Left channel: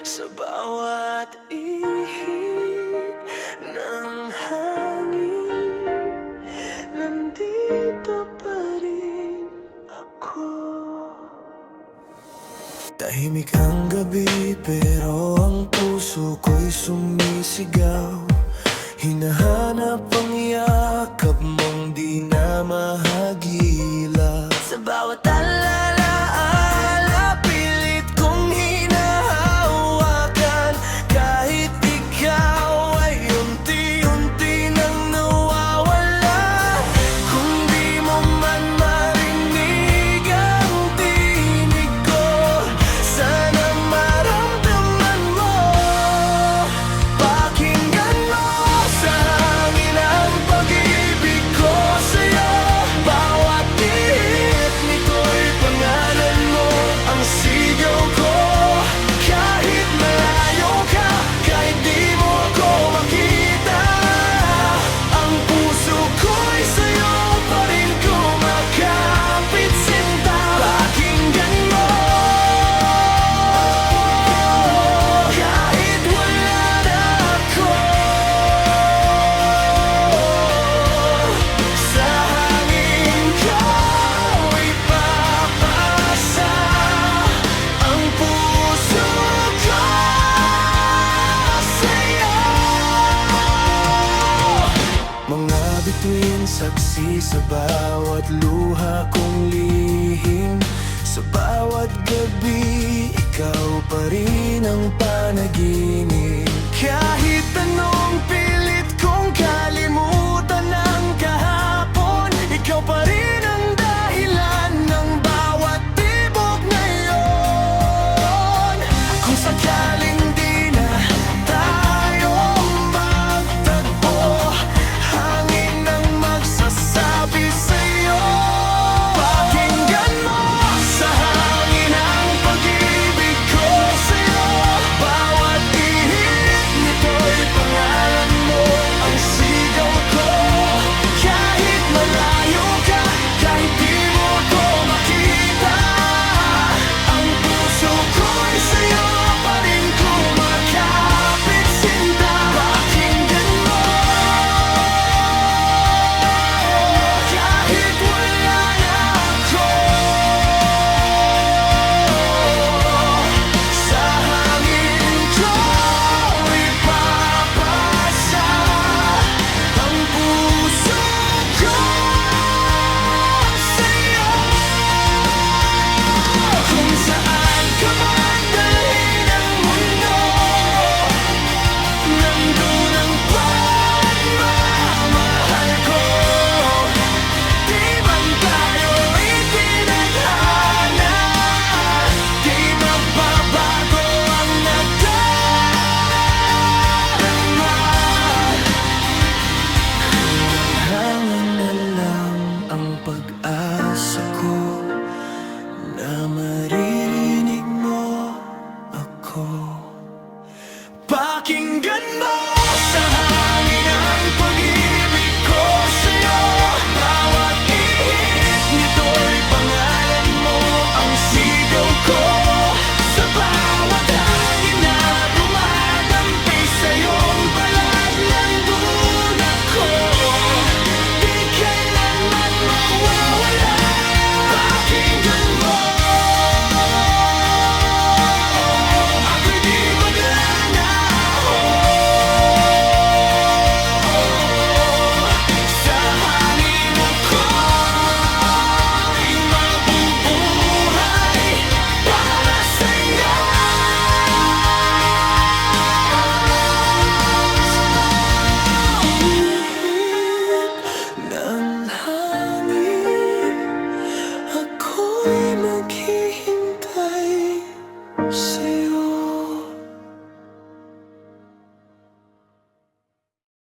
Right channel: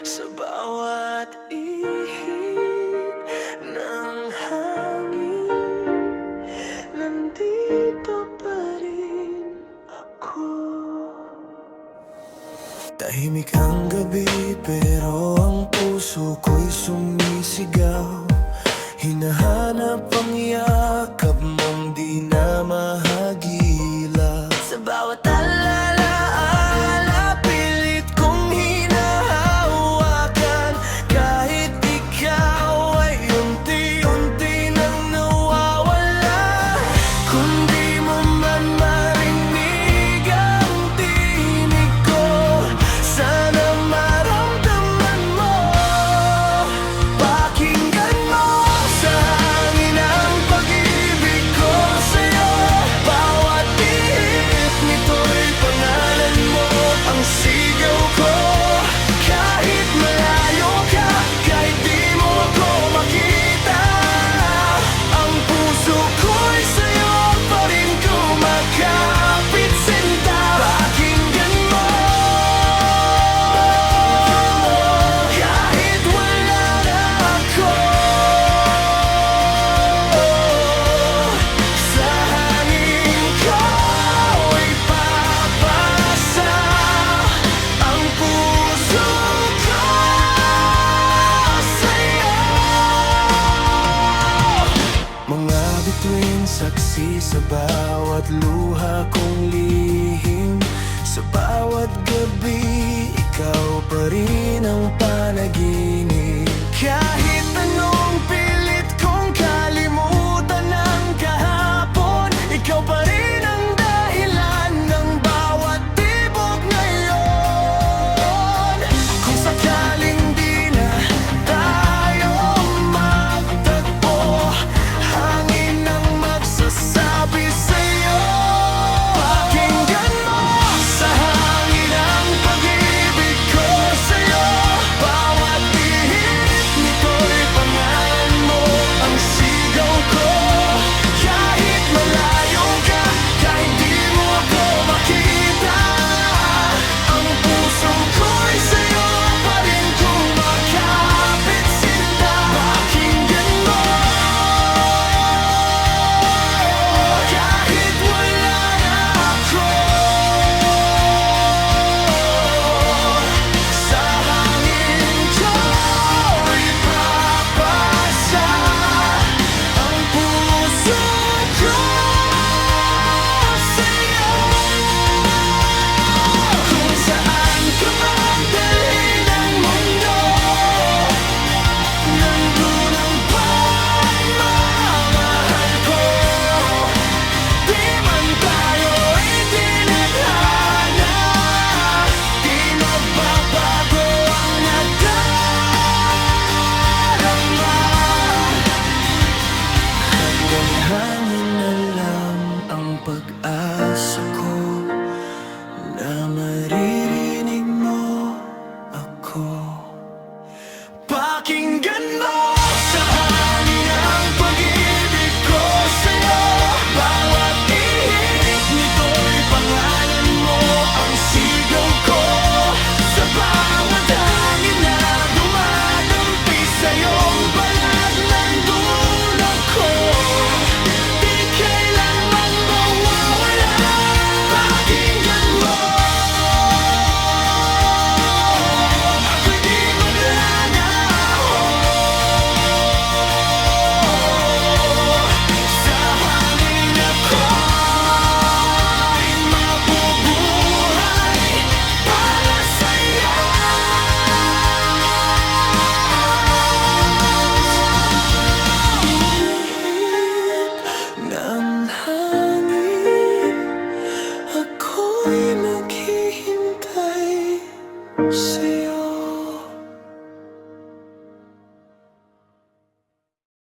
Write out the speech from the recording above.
Sa bawat ihip ng hangin, nandito pa rin ako. Tahimik ang gabi pero ang puso ko'y sumisigaw. Hinahanap ang yakap mong di na mahagilap. Sa bawat alaala, pilit kong hinahawakan. Kahit ikaw ay unti-unti nang nawawala. Kung di mo man marinig ang tinig ko, sana maramdaman mo. Pakinggan mo sa hangin ang pag-ibig ko sa'yo. Bawat ihip nito'y pangalan mo, ang sigaw ko. Kahit malayo ka, kahit di mo ako makita, ang puso ko'y sa'yo pa rin kumakapit sinta. Pakinggan mo, kahit wala na ako. Sa hangin ko ipapasa ang puso ko sa'yo. Mga bituin saksi sa bawat luha kong lihim. Sa bawat gabi, ikaw pa rin ang panaginip. Kahit anong pilit kong kalimutan ng kahapon, ikaw pa rin ang dahilan ng bawat tibok ngayon. Kung sakaling di na tayo magtagpo, hangin ang magsasabi sa'yo. Pakinggan mo sa hangin ang pag-ibig ko sa'yo. Bawat ihip nito'y pangalan mo, ang sigaw ko. Kahit malayo ka, kahit di mo ako makita, ang puso ko'y sa'yo pa rin kumakapit sinta. Pakinggan mo, kahit wala na ako. Sa hangin ko ipapasa ang puso ko sa'yo. Kung saan ka man dalhin ang mundo, nandun ang pagmamahal ko. Di man tayo itinadhana, di magbabago ang nadarama. Hanggang hangin na lang ang pag-asa ko na marinig